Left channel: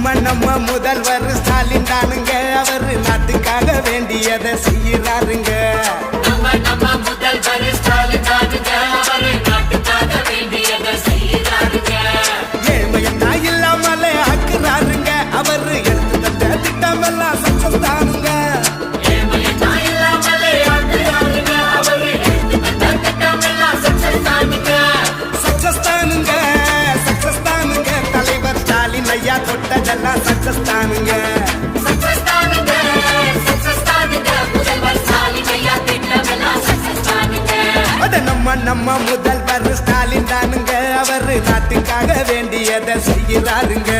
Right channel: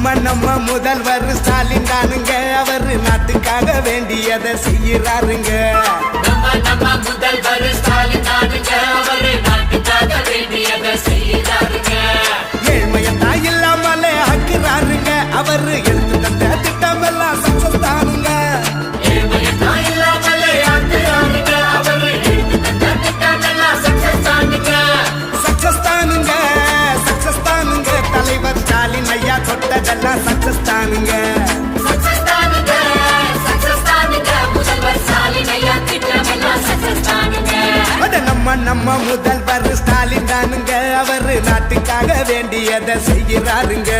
நம்ம முதல்வர் ஸ்டாலின் தானுங்க, அவரு நாட்டுக்காக வேண்டியதை செய்யறாருங்க. ஏழ்மையத்தா இல்லாமலே ஆக்குறாருங்க, அவரு எடுத்து தந்த திட்டம் எல்லாம் சக்சஸ் தானுங்க. சக்சஸ் தானுங்க, சக்சஸ் தானுங்க, தலைவர் ஸ்டாலின் ஐயா தொட்டதெல்லாம் சக்சஸ் தானுங்க. நம்ம முதல்வர் ஸ்டாலின் தானுங்க, அவரு நாட்டுக்காக வேண்டியதை செய்யறாருங்க.